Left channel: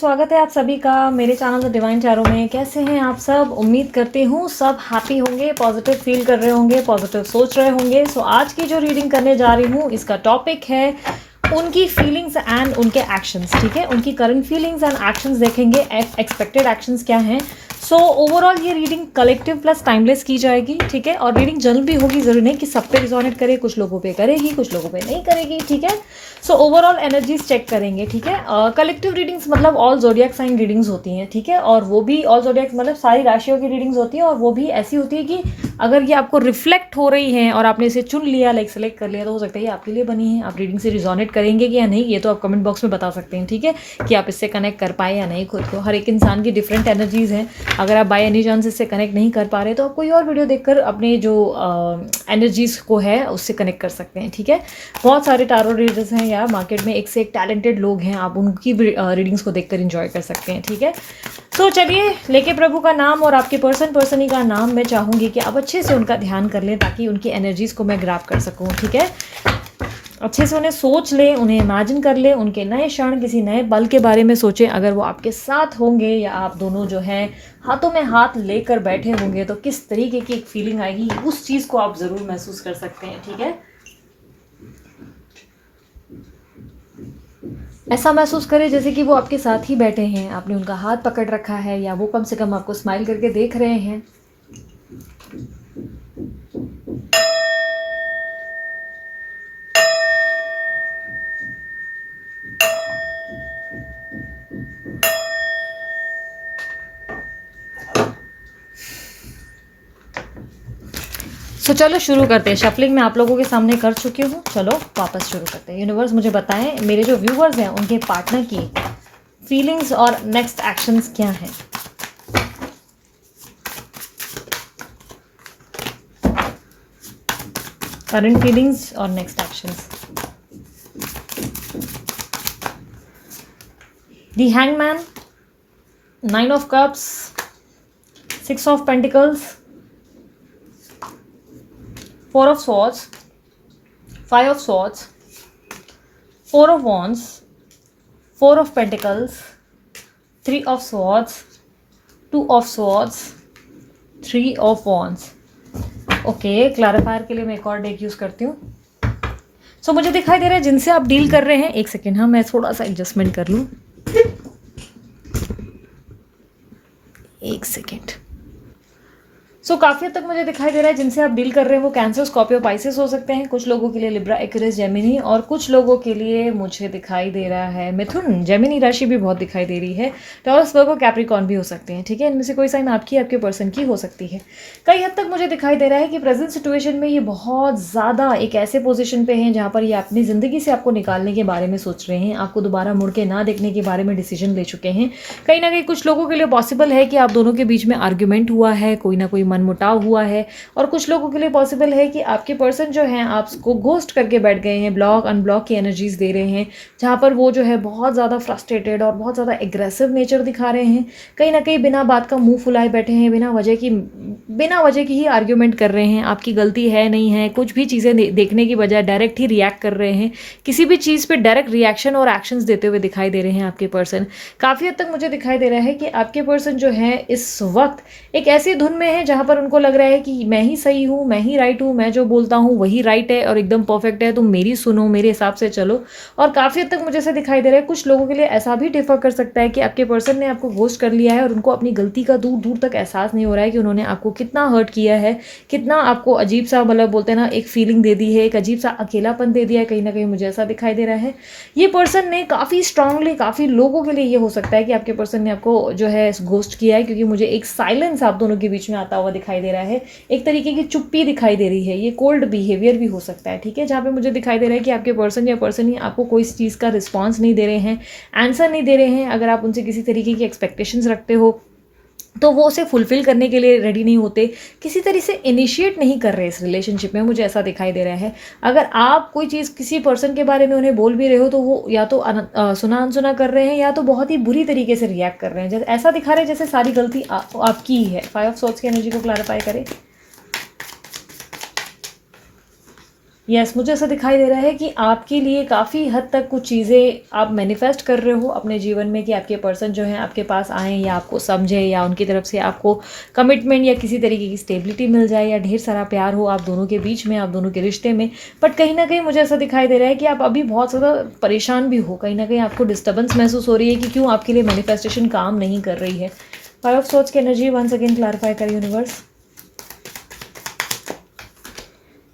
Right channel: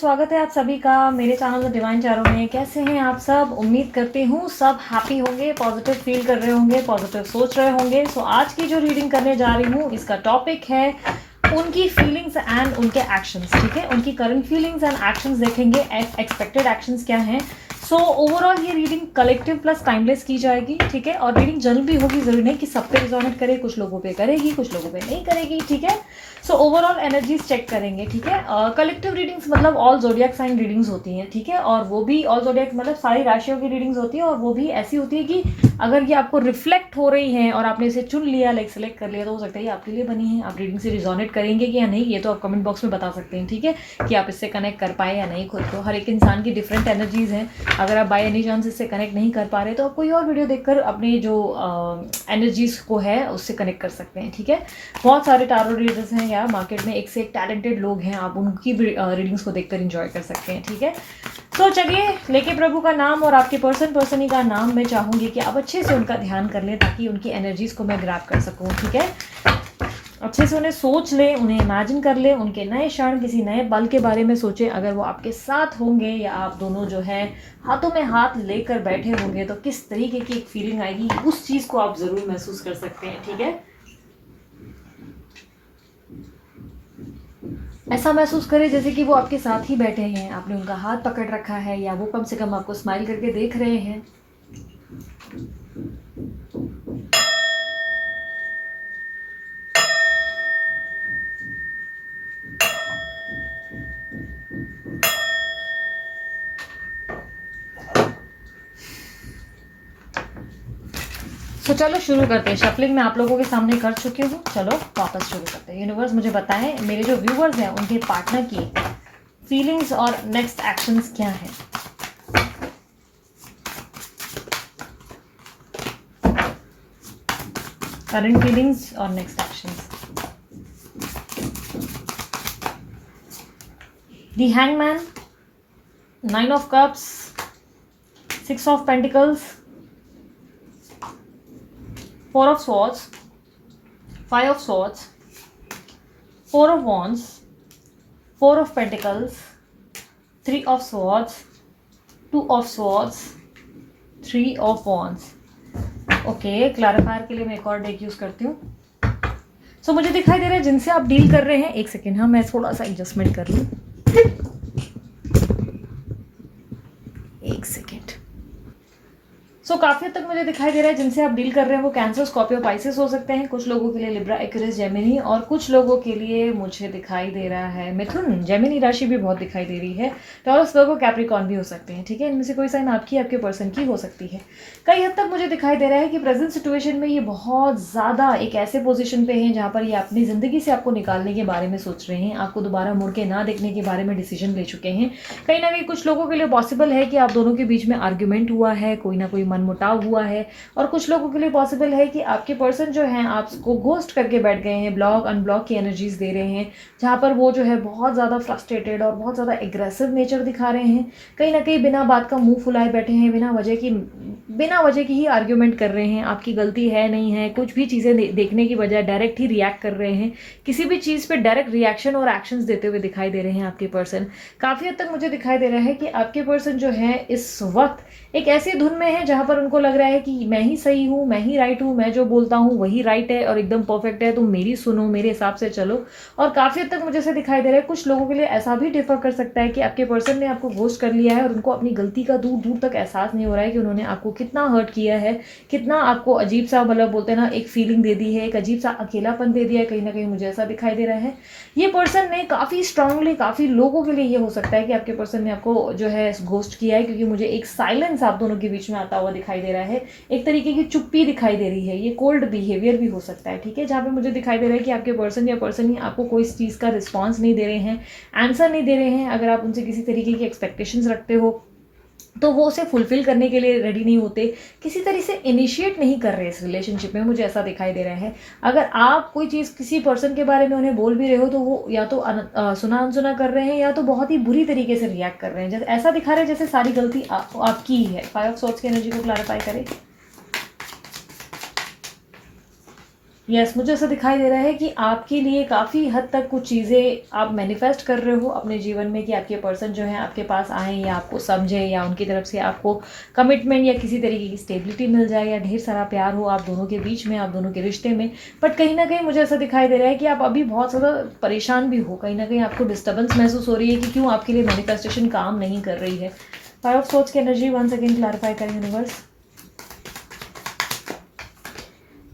स्वागत है आप सभी का मेरे चैनल द डिवाइन चारों में। कैसे हैं आप सब? उम्मीद करती हूँ सब हैप्पी होंगे, पॉजिटिव फील कर रहे होंगे, पॉजिटिव सोच रहे होंगे। सो आज की जो रीडिंग करने जा रही हूँ इसका टॉपिक है उनकी फीलिंग्स एंड उनके एक्शंस। ठीक है, उनकी करंट फीलिंग्स एंड एक्शंस देखेंगे, एक्सपेक्टेड एक्शंस क्या हैं। सो ओवरऑल ये रीडिंग कलेक्टिव प्लस टाइमलेस की जाएगी। ठीक है, और रीडिंग जनरल भी होगी, जरूरी नहीं कि सब पे रिजोनेट करे, कुछ लोगों पे करेगी, कुछ लोगों पे नहीं करेगी। ठीक है, सो ओवरऑल एनर्जीज चेक करेंगे। ठीक है, कलेक्टिव रीडिंग्स मतलब ऑल जोडियक साइन रीडिंग्स होती हैं। ठीक है, और वो भी ऑल जोडियक मतलब सारी राशियों की रीडिंग्स होती है, और वो भी ऐसी होती है कि अगर ये आपको रिफ्लेक्ट हो रही है और आपने इसे चुन लिया, लाइक सेलेक्ट कर लिया, तो हो सकता है ये आपके लिए बनी है। आप रीडिंग से रिजोनेट करेंगे कि या नहीं, ये तो आप कमेंट बॉक्स में बता सकते हैं। ठीक है, कि आप इससे कनेक्ट कर पाए या नहीं खुद को। हर एक इंसान की डिफरेंट एनर्जीज हैं। अगर आप बाय एनी चांस इससे कनेक्ट नहीं कर पा रहे तो आप कोई और वीडियो देखकर अपने जो एनर्जीज को है उससे कनेक्ट कर सकते हैं। ठीक है, बहुत सारे टारो रीडर्स हैं या मार्केट में एक से एक टैलेंटेड लोग हैं, आप उनकी रीडिंग्स को देखकर एंजॉय कर सकते हैं। ठीक है, तो चलिए, लेके प्रभु का नाम और आपके पर्सनी का नाम मैं चाहूँगी कि आप अच्छे से उनका ध्यान कर लें ताकि उनकी एनर्जीज को मैं ग्रैब कर सकूँ। ठीक है, अच्छे से उन्हें सोच लें, उन्हें इमेजिन कर लें, उनके नए क्षण, किसी नए पल के बारे में सोचें। अगर वो आपके साथ होंगे या आप दोनों जो है हाथों में हाथ लेकर बैठे होंगे तो किस तरीके की एक फीलिंग आएगी, उस चीज़ को आप ज़रूर महसूस कर सकते हैं। ठीक है, ऐसा महसूस करें जैसे कि वो आपके साथ ही बैठे हैं, आपने उनका हाथ पकड़ रखा है, या वो कम से कम आपको स्माइल करके देख रहे हैं। तो चलो शुरू करते हैं। शफलिंग मैं आप लोगों के सामने कर चुकी हूँ, चलो वापस शुरू करते हैं। यूनिवर्स मुझे बताएं, मेरे जो व्यूवर्स हैं उनके पार्टनर की फीलिंग्स और नेक्स्ट एक्शंस क्या हैं। करंट फीलिंग्स और next actions. The hangman, 9 of cups, 6 of pentacles, 4 of swords, 5 of swords, 4 of wands, 4 of pentacles, 3 of swords, 2 of swords, 3 of wands। Okay, clarifier के लिए मैं एक और डेक यूज करती हूँ। सो मुझे दिखाई दे रहा है जिनसे आप डील कर रहे हैं, एक सेकेंड, हाँ मैं थोड़ा सा एडजस्टमेंट कर लूँ, एक सेकेंड। सो काफ़ी हद तक मुझे दिखाई दे रहा है जिनसे आप डील कर रहे हैं वो कैंसर, स्कॉर्पियो, पाइसेस हो सकते हैं। कुछ लोगों के लिए लिब्रा, एक्वेरियस, जेमिनी, और कुछ लोगों के लिए मुझे दिखाई दे रहा है मिथुन। जेमिनी राशि भी बहुत दिखाई दे रही है। टॉरस, वर्गो, कैप्रिकॉर्न भी हो सकते हैं। ठीक है, इनमें से कोई साइन आपकी, आपके पर्सन की हो सकती है। कई हद तक मुझे दिखाई दे रहा है कि प्रेजेंट सिचुएशन में ये बहुत ज़्यादा एक ऐसे पोजिशन पे हैं जहाँ पर ये अपनी ज़िंदगी से आपको निकालने के बारे में सोच रहे हैं, आपको दोबारा मुड़ के ना देखने के बारे में डिसीजन ले चुके हैं। कहीं ना कहीं कुछ लोगों के लिए पॉसिबल है कि आप दोनों के बीच में आर्ग्यूमेंट हुआ है, कोई ना कोई मनमुटाव हुआ है, और कुछ लोगों के लिए पॉसिबल है कि आपके पर्सन जो हैं आपको घोस्ट करके बैठ गए हैं, ब्लॉक अनब्लॉक की एनर्जीज दे रहे हैं, जहाँ पर वो जो है बहुत ज़्यादा फ्रस्ट्रेटेड और बहुत ज़्यादा एग्रेसिव नेचर दिखा रहे हैं। कहीं ना कहीं बिना बात का मुंह फुलाए बैठे हैं, बिना वजह की ही आर्ग्यूमेंट कर रहे हैं। आपकी गलती है नहीं है, कुछ भी चीज़ें देखने की बजाय डायरेक्ट ही रिएक्ट कर रहे हैं। किसी भी चीज़ पे डायरेक्ट रिएक्शन और एक्शंस देते हुए दिखाई दे रहे हैं आपके पर्सन। काफ़ी हद तक मुझे दिखाई दे रहा है कि आपके पर्सन जो है इस वक्त एक ऐसी धुन में है जहाँ पर उनको लग रहा है कि मैं ही सही हूँ, मैं ही राइट हूँ, मैं जो बोलता हूँ वही राइट है और एकदम परफेक्ट है, तुम मेरी सुनो, मेरे हिसाब से चलो। और काफ़ी हद तक मुझे ऐसे दिखाई दे रहा है कुछ लोगों के लिए ऐसा भी डिफर कर सकता है कि आपके पर्सन ने आपको घोस्ट कर लिया है और उनको अपनी गलती का दूर दूर तक एहसास नहीं हो रहा है कि उन्होंने आपको कितना हर्ट किया है, कितना आपको अजीब सा, मतलब बोलते हैं ना, एक फीलिंग दे दी है, एक अजीब सा अकेलापन दे दिया है। कहीं ना कहीं मुझे ऐसा दिखाई दे रहा है ये पर्सन ने काफ़ी स्ट्रांगली, काफ़ी लोगों के लिए ये हो सकता है कि आपके पर्सन ने आपको जो है घोस्ट किया है, क्योंकि मुझे एक साइलेंस आप दोनों के बीच में आता हुआ दिखाई दे रहा है, एक तरीके की चुप्पी दिखाई दे रही है, ये कोल्ड बिहेवियर भी हो सकता है। ठीक है, जहाँ पे मुझे दिखाई दे रहा है कि आपके पर्सन या पर्सन ही आपको कोई चीज़ का रिस्पॉन्स नहीं दे रहे हैं, आंसर नहीं दे रहे हैं। अगर आप उनसे किसी तरीके की एक्सपेक्टेशंस रखते हो तो वो उसे फुलफिल करने के लिए रेडी नहीं होते, किसी तरह से इनिशिएट नहीं कर रहे इस रिलेशनशिप में, मुझे ऐसा दिखाई दे रहा है। अगर आप कोई चीज़ किसी पर्सन के बारे में उन्हें बोल भी रहे हो तो वो या तो सुना अनसुना कर रहे हैं या तो बहुत ही बुरी तरीके से रिएक्ट कर रहे हैं, जैसे ऐसा दिखा रहे हैं जैसे सारी गलती आपकी ही है। 5 ऑफ सोर्ड्स की एनर्जी को क्लैरिफाई करें। यस, मुझे ऐसा दिखाई दे रहा है कि आपके लिए काफ़ी हद तक कुछ चीज़ें आप मैनिफेस्ट कर रहे हो अपने जीवन में कि आपके पर्सन जो है आपके पास आएँ या आपको समझे या उनकी तरफ से आपको कमिटमेंट या किसी तरीके की स्टेबिलिटी मिल जाए या ढेर सारा प्यार हो आप दोनों के बीच में, आप दोनों के रिश्ते में। बट कहीं न कहीं मुझे ऐसा दिखाई दे रहा है कि आप अभी बहुत ज़्यादा परेशान भी हो, कहीं न कहीं आपको डिस्टर्बेंस महसूस हो रही है कि क्यों आपके लिए मैनिफेस्टेशन काम नहीं कर रही है। फाइव ऑफ सोर्ड्स की एनर्जी वंस अगेन क्लैरिफाई करें यूनिवर्स।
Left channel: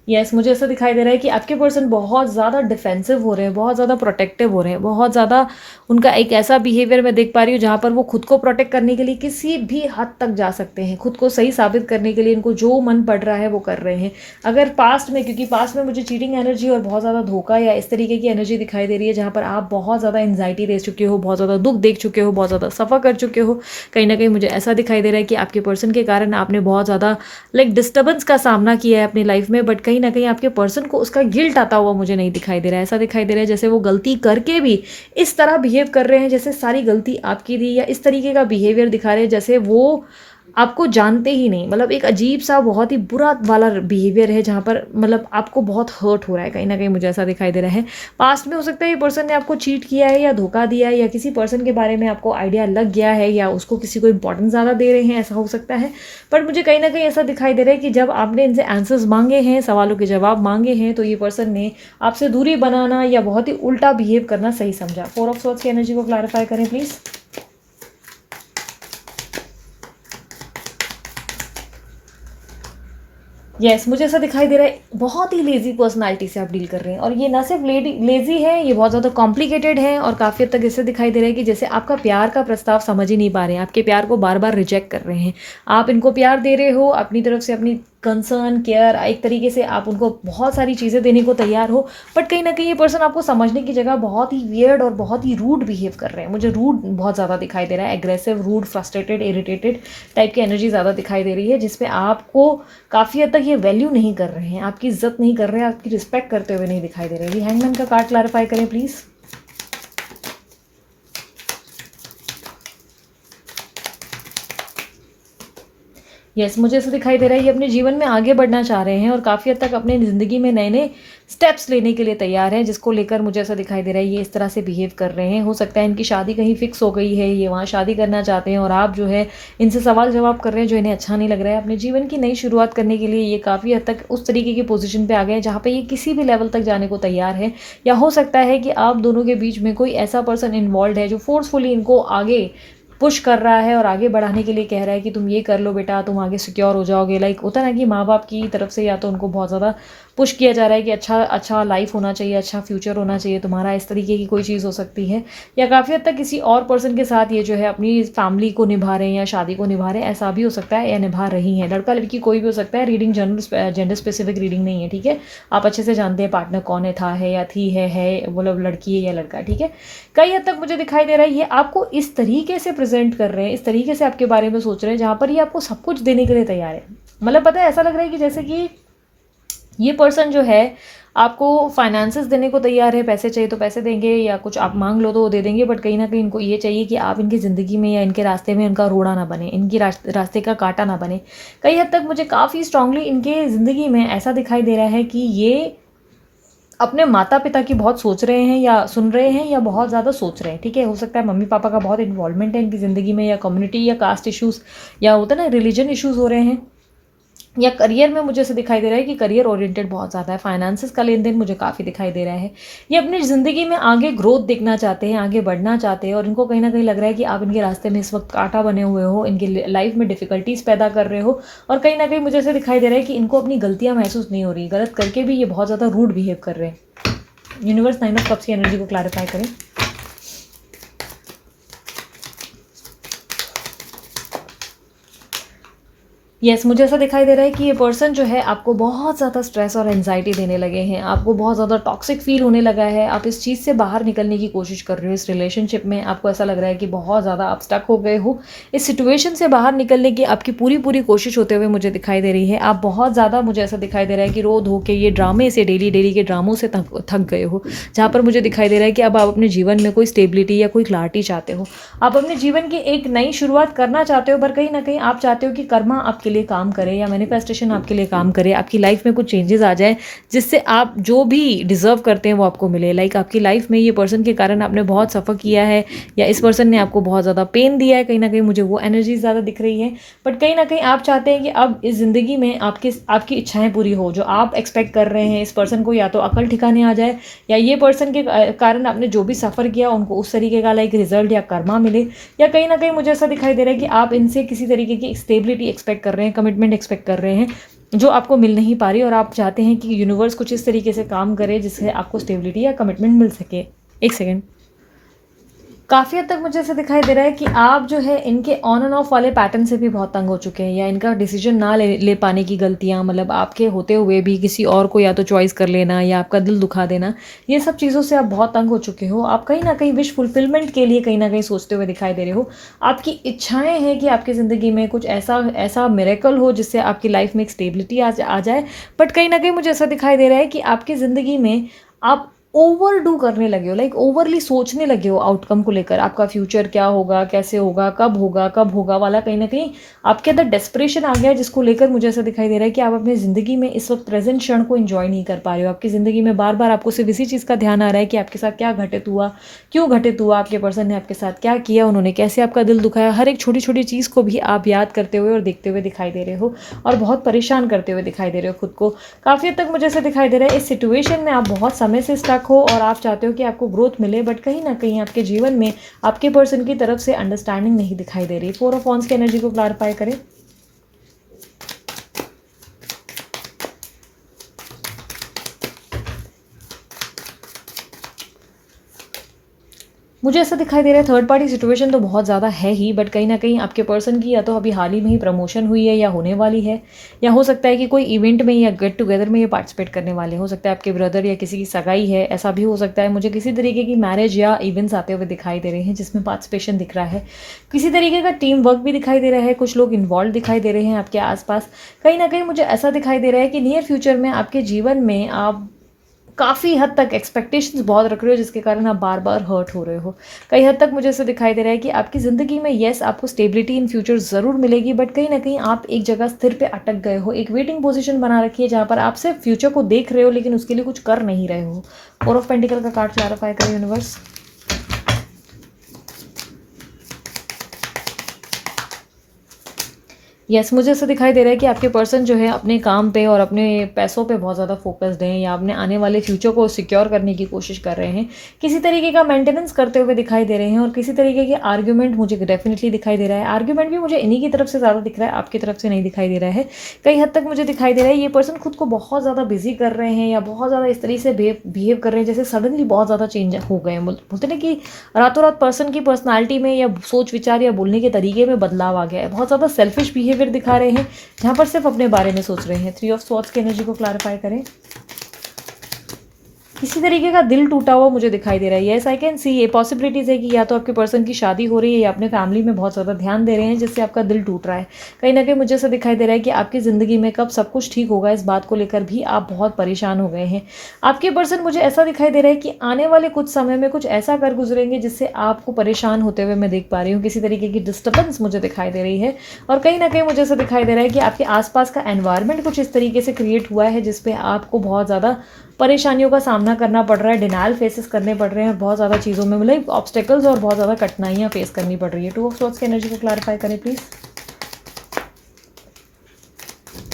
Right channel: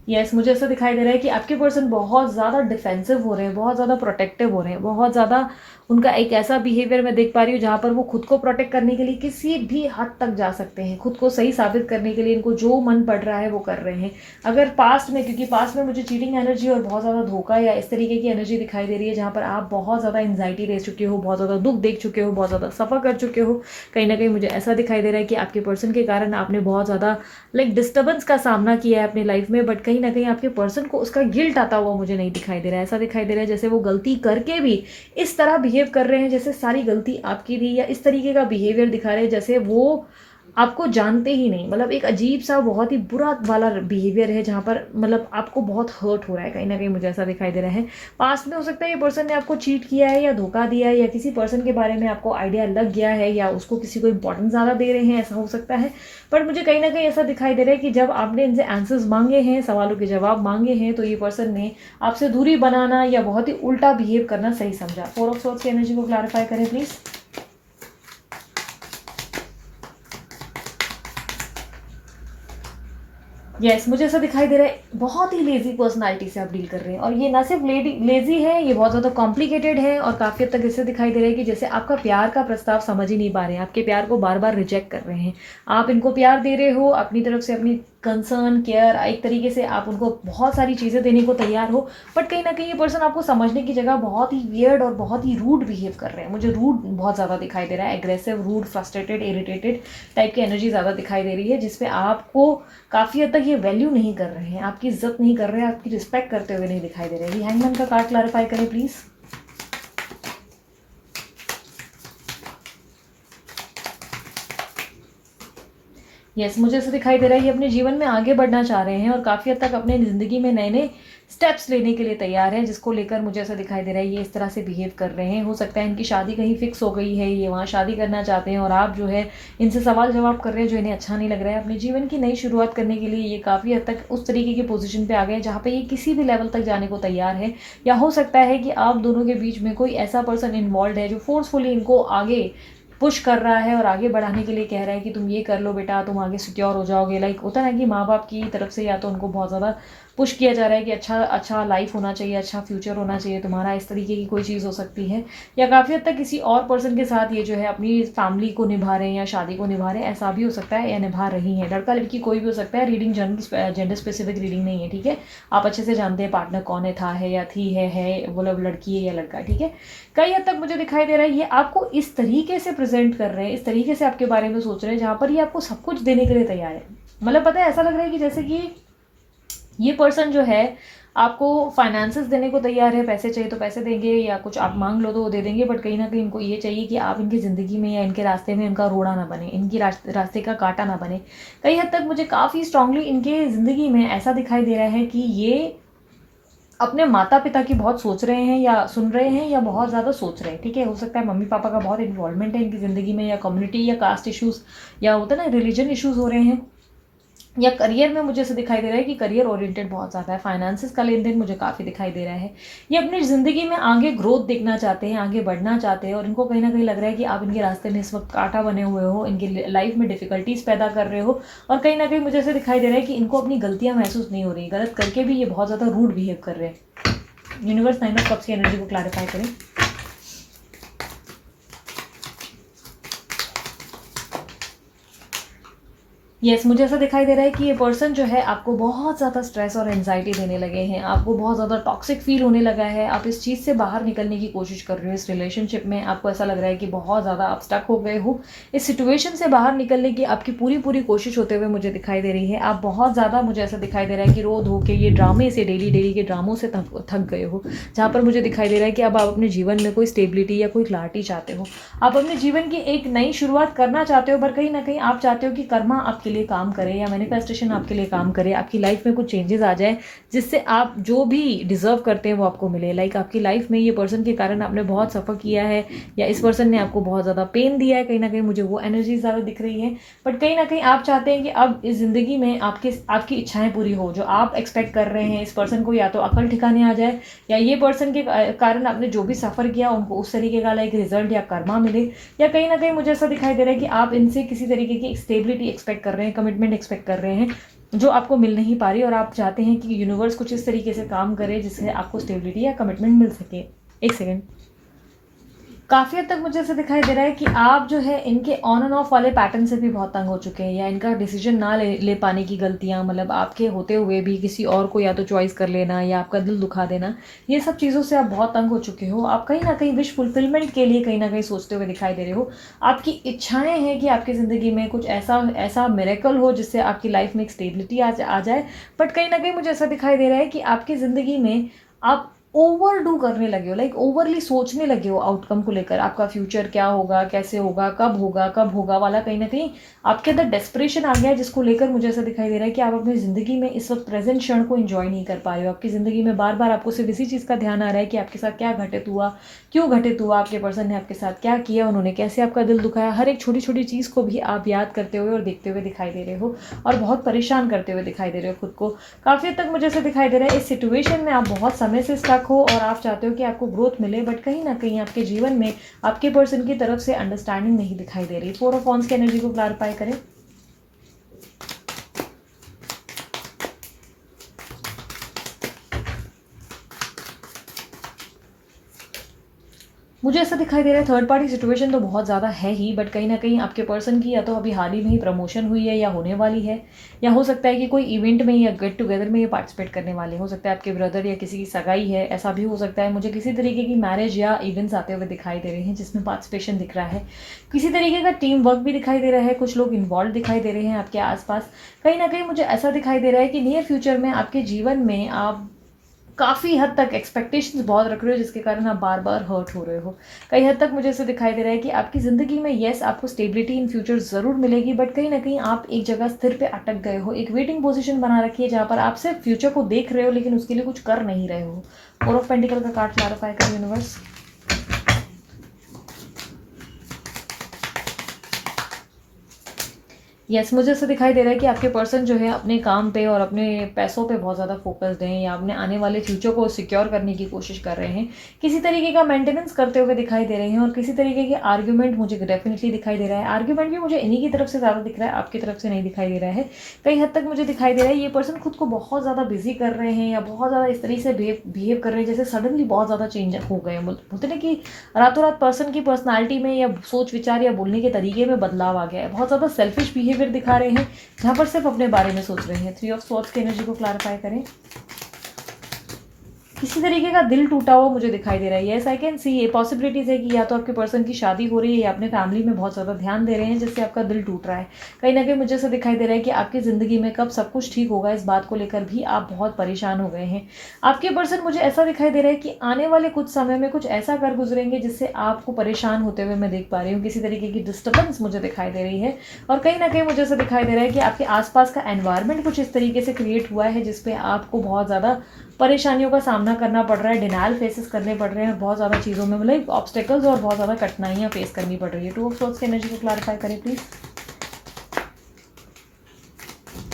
यस, मुझे ऐसा दिखाई दे रहा है कि आपके पर्सन बहुत ज़्यादा डिफेंसिव हो रहे हैं, बहुत ज़्यादा प्रोटेक्टिव हो रहे हैं, बहुत ज़्यादा उनका एक ऐसा बिहेवियर मैं देख पा रही हूँ जहाँ पर वो खुद को प्रोटेक्ट करने के लिए किसी भी हद तक जा सकते हैं, खुद को सही साबित करने के लिए इनको जो मन पड़ रहा है वो कर रहे हैं। अगर पास्ट में, क्योंकि पास्ट में मुझे चीटिंग एनर्जी और बहुत ज़्यादा धोखा या इस तरीके की एनर्जी दिखाई दे रही है जहाँ पर आप बहुत ज़्यादा एंजाइटी दे चुके हो, बहुत ज़्यादा दुख देख चुके हो, बहुत ज़्यादा सफ़र कर चुके हो। कहीं ना कहीं मुझे ऐसा दिखाई दे रहा है कि आपके पर्सन के कारण आपने बहुत ज़्यादा डिस्टर्बेंस का सामना किया है अपनी लाइफ में, बट कहीं ना कहीं आपके पर्सन को उसका गिल्ट आता हुआ मुझे नहीं दिखाई दे रहा है। ऐसा दिखाई दे रहा है जैसे वो गलती करके भी इस तरह बिहेव कर रहे हैं जैसे सारी गलती आपकी थी, या इस तरीके का बिहेवियर दिखा रहे हैं जैसे वो आपको जानते ही नहीं। एक अजीब सा बहुत ही बुरा वाला बिहेवियर है जहाँ पर आपको बहुत हर्ट हो रहा है, कहीं ना कहीं मुझे ऐसा दिखाई दे रहा है। पास्ट में हो सकता है ये पर्सन ने आपको चीट किया है या धोखा दिया है, या किसी पर्सन के बारे में आपको आइडिया लग गया है, या उसको किसी को इंपॉर्टेंस ज़्यादा दे रहे हैं, ऐसा हो सकता है। बट मुझे कहीं ना कहीं ऐसा दिखाई दे रहा है कि जब आपने इनसे आंसर्स मांगे हैं, सवालों के जवाब मांगे हैं, तो ये पर्सन ने आपसे दूरी बनाना या बहुत ही उल्टा बिहेव करना सही समझा। फोर ऑफ सोर्ड्स की एनर्जी को क्लैरिफाई करें प्लीज़। यस, मुझे ऐसा दिखाई दे रहा है बहुत ही लेजी पर्सनालिटी से आप डील कर रहे हैं, और ये ना सिर्फ लेजी है, ये बहुत ज़्यादा कॉम्प्लिकेटेड है, और काफ़ी हद तक इससे दिखाई दे रहा है कि जैसे आपका प्यार का प्रस्ताव समझ ही नहीं पा रहे हैं, आपके प्यार को बार बार रिजेक्ट कर रहे हैं। आप इनको प्यार दे रहे हो अपनी तरफ से, अपनी कंसर्न केयर, एक तरीके से आप उनको बहुत सारी चीज़ें देने को तैयार हो, बट कहीं ना कहीं ये पर्सन आपको समझने की जगह बहुत ही वियर्ड और बहुत ही रूड बिहेव कर रहे हैं। मुझे रूड बहुत ज़्यादा दिखाई दे रहा है, aggressive, rude, frustrated, irritated type की एनर्जी ज़्यादा दिखाई दे रही है, जिसपे आपको काफ़ी हद तक ये वैल्यू नहीं कर रहे हैं, आपकी इज्जत नहीं कर रहे हैं, आपकी रिस्पेक्ट करते हुए नहीं दिखाई दे रहे हैं। हैंगमैन का कार्ड क्लैरिफाई करें प्लीज़। यस, मुझे ऐसा दिखाई दे रहा है ये अपने जीवन में आगे बढ़ना चाह रहे हैं और काफ़ी हद तक अपने ज़िंदगी में नए नए स्टेप्स लेने के लिए तैयार हैं, जिसको लेकर मुझे ऐसा दिखाई दे रहा है ये इस तरह से बिहेव कर रहे हैं। हो सकता है इनकी शादी कहीं फिक्स हो गई है, ये वहाँ शादी करना चाहते हैं, और आप जो है इनसे सवाल जवाब कर रहे हैं जो इन्हें अच्छा नहीं लग रहा है। अपने जीवन की नई शुरुआत करने के लिए ये काफ़ी हद तक उस तरीके की पोजीशन पे आ गए हैं जहाँ पे ये किसी भी लेवल तक जाने को तैयार है, या हो सकता है कि आप दोनों के बीच में कोई ऐसा पर्सन इन्वॉल्व है जो फोर्सफुली इनको आगे पुश कर रहा है और आगे बढ़ाने के लिए कह रहा है कि तुम ये कर लो बेटा, तुम आगे सिक्योर हो जाओगे। होता है ना कि माँ बाप की तरफ से या तो उनको बहुत ज़्यादा पुश किया जा रहा है कि अच्छा अच्छा लाइफ होना चाहिए, अच्छा फ्यूचर होना चाहिए तुम्हारा, इस तरीके की कोई चीज़ हो सकती है। या काफ़ी हद तक किसी और पर्सन के साथ ये जो है अपनी फैमिली को निभा रहे हैं या शादी को निभा रहे हैं, ऐसा भी हो सकता है, या निभा रही हैं। लड़का लड़की कोई भी हो सकता है, रीडिंग जेंडर स्पेसिफिक रीडिंग नहीं है, ठीक है। आप अच्छे से जानते हैं पार्टनर कौन है, था है या थी है लड़की है या लड़का, ठीक है। कई हद तक मुझे दिखाई दे रहा है ये आपको इस तरीके से प्रेजेंट कर रहे हैं, इस तरीके से आपके बारे में सोच रहे हैं जहाँ पर ये आपको सब कुछ देने के लिए तैयार है। पता है, ऐसा लग रहा है कि जैसे कि ये पर्सन जो है आपको फाइनेंसेस देने को तैयार है, पैसे चाहिए तो पैसे देंगे, या कुछ आप मांग लो तो वो दे देंगे, बट कहीं ना कहीं इनको ये चाहिए कि आप इनकी ज़िंदगी में या इनके रास्ते में इनका रोड़ा ना बने, इनकी रास्ते का कांटा ना बने। कई हद तक मुझे काफ़ी स्ट्रांगली इनके ज़िंदगी में ऐसा दिखाई दे रहा है कि ये अपने माता पिता की बहुत सोच रहे हैं या सुन रहे हैं, या बहुत ज़्यादा सोच रहे हैं, ठीक है। हो सकता है मम्मी पापा का बहुत इन्वॉल्वमेंट है इनकी ज़िंदगी में, या कम्युनिटी या कास्ट इश्यूज़, या होता है ना रिलीजन इश्यूज़ हो रहे हैं, या करियर में मुझे ऐसे दिखाई दे रहा है कि करियर ओरिएंटेड बहुत ज़्यादा है। फाइनेंसेस का लेन देन मुझे काफ़ी दिखाई दे रहा है। ये अपनी ज़िंदगी में आगे ग्रोथ देखना चाहते हैं, आगे बढ़ना चाहते हैं, और इनको कहीं ना कहीं लग रहा है कि आप इनके रास्ते में इस वक्त कांटा बने हुए हो, इनकी लाइफ में डिफिकल्टीज पैदा कर रहे हो, और कहीं ना कहीं मुझे ऐसे दिखाई दे रहा है कि इनको अपनी गलतियाँ महसूस नहीं हो रही, गलत करके भी ये बहुत ज़्यादा रूड बिहेव कर रहे हैं। यूनिवर्स 9 ऑफ कप्स की एनर्जी को क्लैरिफाई करें। यस, मुझे ऐसा दिखाई दे रहा है कि ये पर्सन जो है आपको बहुत ज़्यादा स्ट्रेस और एंजाइटी देने लगे हैं, आपको बहुत ज़्यादा टॉक्सिक फील होने लगा है, आप इस चीज़ से बाहर निकलने की कोशिश कर रहे हो। इस रिलेशनशिप में आपको ऐसा लग रहा है कि बहुत ज़्यादा आप स्टक हो गए हो, इस सिचुएशन से बाहर निकलने की आपकी पूरी पूरी कोशिश होते हुए मुझे दिखाई दे रही है। आप बहुत ज़्यादा, मुझे ऐसा दिखाई दे रहा है कि रो धो के ये ड्रामे से, डेली डेली के ड्रामों से थक गए हो, जहाँ पर मुझे दिखाई दे रहा है कि अब आप अपने जीवन में कोई स्टेबिलिटी या कोई क्लैरिटी चाहते हो, आप अपने जीवन की एक नई शुरुआत करना चाहते हो, पर कहीं ना कहीं आप चाहते हो कि कर्मा आपके लिए लिए काम करे या मैनिफेस्टेशन आपके लिए काम करे, आपकी लाइफ में कुछ चेंजेस आ जाए जिससे आप जो भी डिज़र्व करते हैं वो आपको मिले। लाइक आपकी लाइफ में ये पर्सन के कारण आपने बहुत सफ़र किया है या इस पर्सन ने आपको बहुत ज़्यादा पेन दिया है, कहीं ना कहीं मुझे वो एनर्जी ज़्यादा दिख रही है। बट कहीं ना कहीं आप चाहते हैं कि अब इस ज़िंदगी में आपकी इच्छाएं पूरी हो, जो आप एक्सपेक्ट कर रहे हैं। इस पर्सन को या तो अकल ठिकाने आ जाए या ये पर्सन के कारण आपने जो भी सफ़र किया उनको उस तरीके का लाइक रिजल्ट या कर्मा मिले, या कहीं ना कहीं मुझे ऐसा दिखाई दे रहा है कि आप इनसे किसी तरीके की स्टेबिलिटी एक्सपेक्ट कर रहे हैं, कमिटमेंट एक्सपेक्ट कर रहे हैं जो आपको मिल नहीं पा रही, और आप चाहते हैं कि यूनिवर्स कुछ इस तरीके से काम करे जिससे आपको स्टेबिलिटी या कमिटमेंट मिल सके। एक सेकेंड। काफ़ी हद तक मुझे ऐसा दिखाई दे रहा है कि आप जो है इनके ऑन एंड ऑफ वाले पैटर्न से भी बहुत तंग हो चुके हैं, या इनका डिसीजन ना ले पाने की गलतियां, मतलब आपके होते हुए भी किसी और को या तो चॉइस कर लेना या आपका दिल दुखा देना, ये सब चीज़ों से आप बहुत तंग हो चुके हो। आप कहीं ना कहीं विश फुलफिलमेंट के लिए कहीं ना कहीं सोचते हुए दिखाई दे रहे हो। आपकी इच्छाएं हैं कि आपकी ज़िंदगी में कुछ ऐसा ऐसा मिरेकल हो जिससे आपकी लाइफ में एक स्टेबिलिटी आ जाए। बट कहीं ना कहीं मुझे ऐसा दिखाई दे रहा है कि आपकी ज़िंदगी में आप ओवर डू करने लगे हो, लाइक ओवरली सोचने लगे हो आउटकम को लेकर। आपका फ्यूचर क्या होगा, कैसे होगा, कब होगा वाला कहीं ना कहीं आपके अंदर डेस्परेशन आ गया है, जिसको लेकर मुझे ऐसा दिखाई दे रहा है कि आप अपनी ज़िंदगी में इस वक्त प्रेजेंट क्षण को एंजॉय नहीं कर पा रहे हो। आपकी ज़िंदगी में बार बार आपको सिर्फ इसी चीज़ का ध्यान आ रहा है कि आपके साथ क्या घटित हुआ, क्यों घटित हुआ, आपके पर्सन ने आपके साथ क्या किया, उन्होंने कैसे आपका दिल दुखाया। हर एक छोटी छोटी चीज़ को भी आप याद करते हुए और देखते हुए दिखाई दे रहे हो और बहुत परेशान करते हुए दिखाई दे रहे हो खुद को। काफ़ी हद तक मुझे ऐसा दिखाई दे रहा है इस सिचुएशन में आप बहुत समय से स्टक हो और आप चाहते हो कि आपको ग्रोथ मिले, बट कहीं ना कहीं आपके जीवन में आपके पर्सन की तरफ से अंडरस्टैंडिंग नहीं दिखाई दे रही। 4 ऑफ वांड्स की एनर्जी को क्लैरिफाई करें। मुझे ऐसा दिखाई दे रहा है थर्ड पार्टी सिचुएशन तो बहुत ज़्यादा है ही, बट कहीं ना कहीं आपके पर्सन की या तो अभी हाल ही में ही प्रमोशन हुई है या होने वाली है, या हो सकता है कि कोई इवेंट में या गेट टुगेदर में ये पार्टिसिपेट करने वाले। हो सकता है आपके ब्रदर या किसी की सगाई है, ऐसा भी हो सकता है। मुझे किसी तरीके की मैरिज या इवेंट्स आते हुए दिखाई दे रहे हैं जिसमें पार्टिसिपेशन दिख रहा है। किसी तरीके का टीम वर्क भी दिखाई दे रहा है, कुछ लोग इन्वॉल्व दिखाई दे रहे हैं आपके आसपास। कहीं ना कहीं मुझे ऐसा दिखाई दे रहा है कि नियर फ्यूचर में आपके जीवन में आप काफ़ी हद तक एक्सपेक्टेशंस बहुत रख रहे हो, जिसके कारण आप बार बार हर्ट हो रहे हो। कई हद तक मुझे ऐसे दिखाई दे रहा है कि आपकी ज़िंदगी में येस आपको स्टेबिलिटी इन फ्यूचर ज़रूर मिलेगी, बट कहीं ना कहीं आप एक जगह स्थिर पे अटक गए हो। एक वेटिंग पोजीशन बना रखी है जहाँ पर आप सिर्फ फ्यूचर को देख रहे हो लेकिन उसके लिए कुछ कर नहीं रहे हो। 4 ऑफ पेंटिकल का कार्ड क्लैरिफाई करें यूनिवर्स। यस, मुझे ऐसा दिखाई दे रहा है कि आपके पर्सन जो है अपने काम पे और अपने पैसों पे बहुत ज़्यादा फोकस्ड हैं, या अपने आने वाले फ्यूचर को सिक्योर करने की कोशिश कर रहे हैं। किसी तरीके का मेंटेनेंस करते हुए दिखाई दे रहे हैं, और किसी तरीके के आर्ग्यूमेंट मुझे डेफिनेटली दिखाई दे रहा है। आर्ग्यूमेंट भी मुझे इन्हीं की तरफ से ज़्यादा दिख रहा है, आपकी तरफ से नहीं दिखाई दे रहा है। कई हद तक मुझे दिखाई दे रहा है ये पर्सन खुद को बहुत ज़्यादा बिजी कर रहे हैं, या बहुत ज़्यादा इस तरीके से बिहेव कर रहे हैं जैसे सडनली बहुत ज़्यादा चेंज हो गए हैं। बोलते ना कि रातों रात पर्सन की पर्सनालिटी में या सोच विचार या बोलने के तरीके में बदलाव आ गया है। बहुत ज़्यादा सेल्फिश बिहेवियर दिखा रहे हैं जहां पर सिर्फ अपने बारे में सोच रहे हैं। 3 ऑफ स्वॉर्ड्स की एनर्जी को क्लैरिफाई करें। किसी तरीके का दिल टूटा हुआ मुझे दिखाई दे रहा है। येस, आई कैन सी ये पॉसिबिलिटीज़ है कि या तो आपके पर्सन की शादी हो रही है या अपने फैमिली में बहुत ज़्यादा ध्यान दे रहे हैं जिससे आपका दिल टूट रहा है। कहीं ना कहीं मुझे ऐसा दिखाई दे रहा है कि आपकी ज़िंदगी में कब सब कुछ ठीक होगा, इस बात को लेकर भी आप बहुत परेशान हो गए हैं। आपके पर्सन मुझे ऐसा दिखाई दे रहा है कि आने वाले कुछ समय में कुछ ऐसा कर गुजरेंगे जिससे आपको परेशान होते हुए मैं देख पा रही हूँ। किसी तरीके की डिस्टर्बेंस मुझे दिखाई दे रही है, और कहीं ना कहीं मुझे ऐसा दिखाई दे रहा है कि आपके आसपास का एनवायरनमेंट कुछ इस तरीके से क्रिएट हुआ है जिसपे आपको बहुत ज़्यादा परेशानियों का सामना करना पड़ रहा है, डिनायल फेसेस करने पड़ रहे हैं, और बहुत ज़्यादा चीज़ों में मतलब ऑब्स्टेकल्स और बहुत ज़्यादा कठिनाइयाँ फेस करनी पड़ रही है। 2 ऑफ स्वॉर्ड्स की एनर्जी को क्लैरिफाई करें प्लीज़।